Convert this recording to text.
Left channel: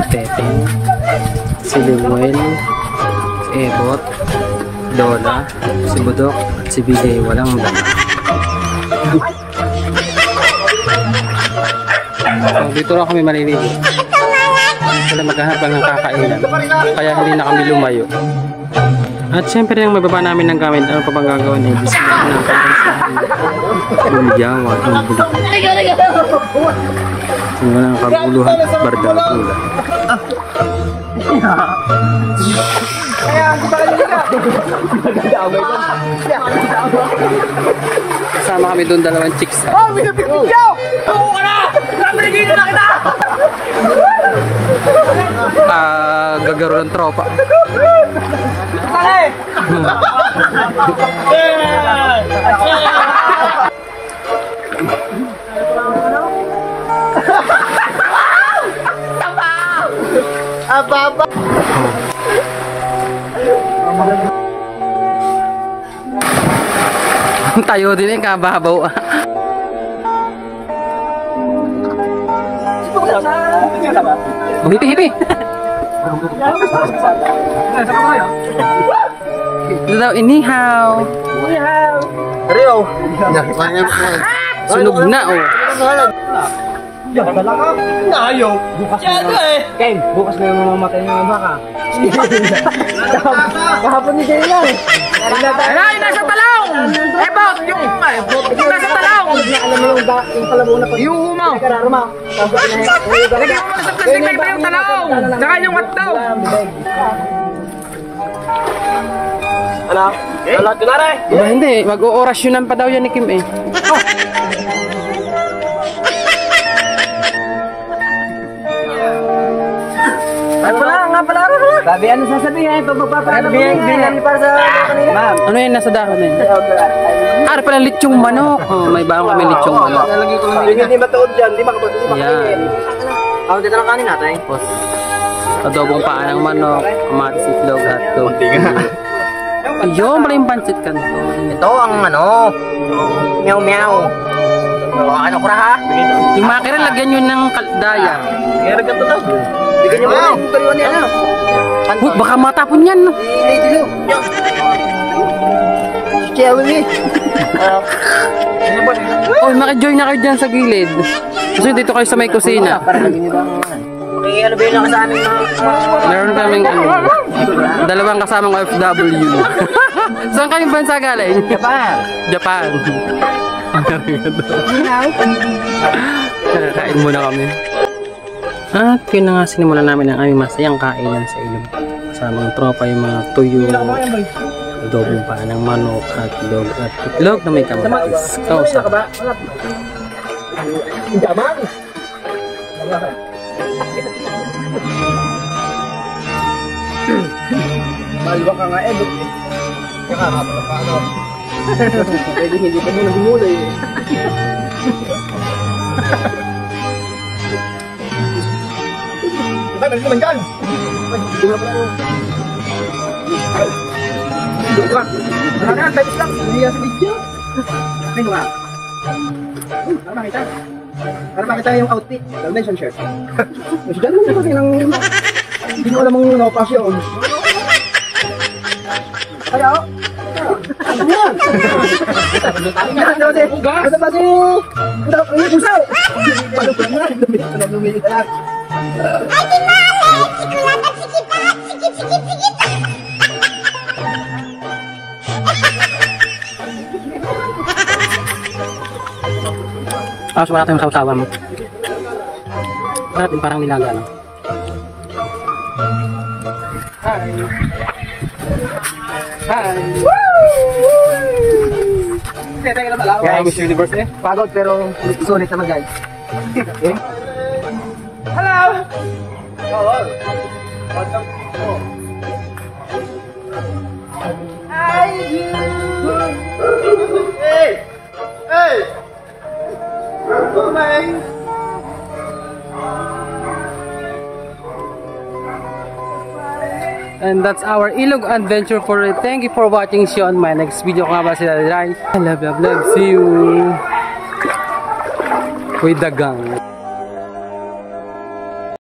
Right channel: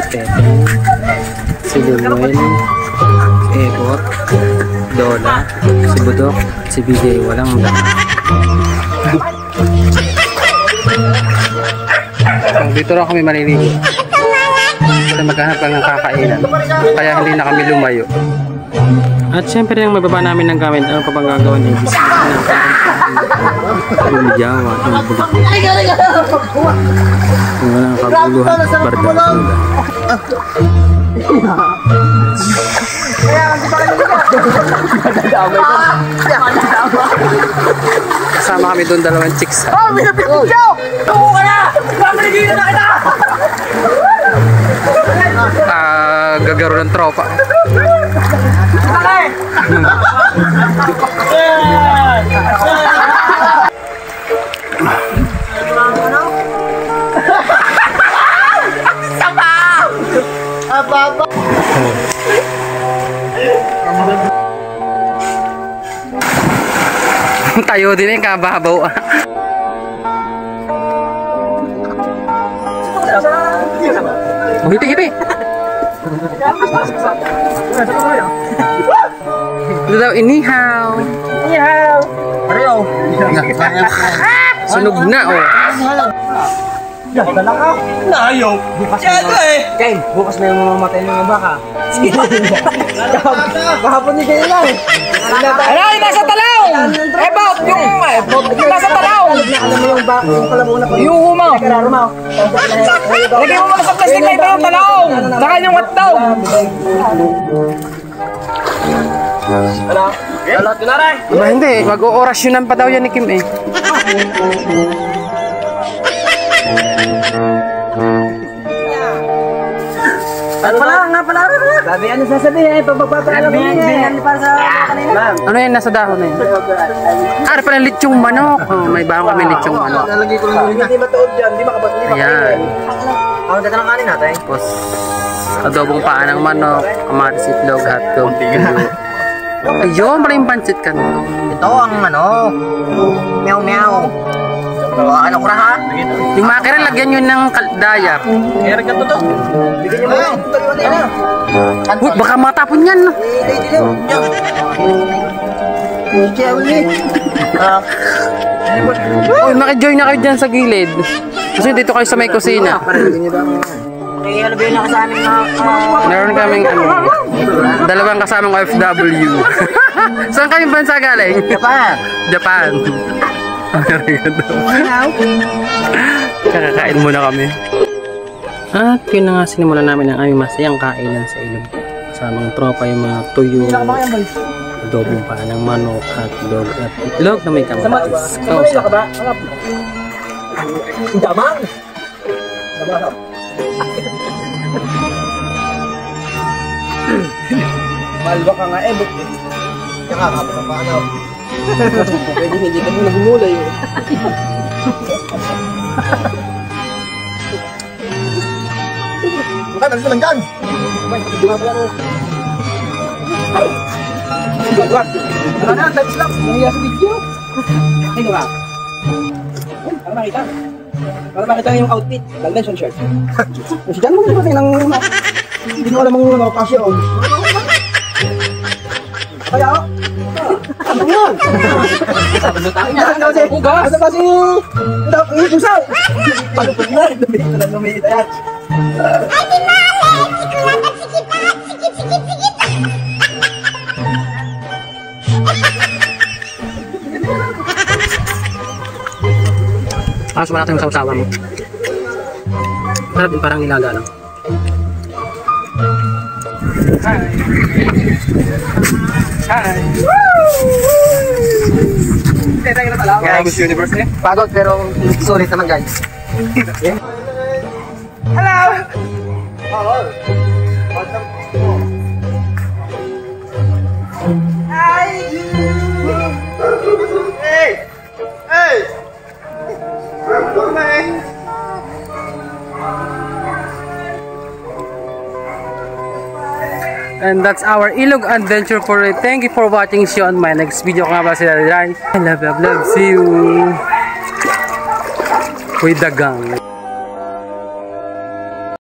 si Teteng, si Limuel, si Ebot, Dola, si Budok, si BJ walang dama. So, dito lang kami maliligo. Kasi maghanap lang ng kakainan. Kaya hindi na kami lumayo. At syempre yung mababa namin ng gamit, ano pa bang gagawin ay bisita na Bulyawa ang bulak. Walang kaguluhan, barda-gula. Kasama kami doon dalawang chicks. Oh, binabigyan! Tumo ka na! Binabigyan na kita! Gagaro ng tropa. Tayo din eh, kababaw. Hiti. Ito daw, inihaw. Rio. Sunog na, oh. Dala ka? Ayaw. Bukas na Ken, bukas na yung mamamatay ng baka. Kahapon ni Ken lang. Alay, nasa talaw! Ebot, yung nasa talaw! Alam mo yung kalabaw na pag... Yung humaw! Lagyan mo sa plastic na iba yung talaw! Tsaka yung hotdog! Ano? Alot ko na rin! Diba hindi, mag-o-orasyonan pa daw yan ni Kim eh. Pala. Gabi, ano sasabihin? Ito, magpapaalam mo yan. Ano yan, nasa dahon na yun? Ah, pala lechong manok. Oh, may baong kami lechong manok. Hindi matuod dyan, hindi makapagpapalala. Ayan. Ako dito ng kanin natin. Tapos, adobong paa ng manok, kamatis, itlog, hotdog. Ayun, pala yung pancit kanto. Ito ang meow. Ano ko na ha? Yung makira, lagyan yun ng daya. Kaya ka to. Bigyan nyo ba? Uy, baka matapon yan, no? Uy, makijoin na kayo dyan sa gilid. Kasi dito kayo sa may kusina. Okay, ano ba yun ang kasaming Meron kaming dalawang kasamang OFW. Saan kayong bansa galing? Japan. Kakakain muna kami. At yun na nga, sinimulan namin ang aming masayang kainan sa ilog. Kasamang tropa yung mga tuyo, adobong paa ng manok, hotdog at itlog na may kamatis. Kausa. Damang! Malwa ka nga eh, but kakakapa ka pa ano. Pwede hindi ka muna gumulay eh. Baka nalito lang gan! Hindi nga pala na. Hindi nga. Wala na, types lang. Nahiya sa video. Hindi nga. Para makita. Para makita yung outfit. Dalmension shirt. Mas dyan mo dito ng... Hindi mo alam mong nakapasyon. Kaya ako. Asa pa si... Usaw! Lumitan! Ay, tinalay! Sikulat at sikipat! Sikit! Tapos wala tayong sausawan. Parang nilaga lang. Hi! Guys, Universe eh. Pagod pero solid naman guys. Hello! Hello! Hi! Hey! Hey! I'm coming! And that's our Ilog adventure for today. Thank you for watching. See you on my next video. Kung nga ba sila, love. See you with the gang.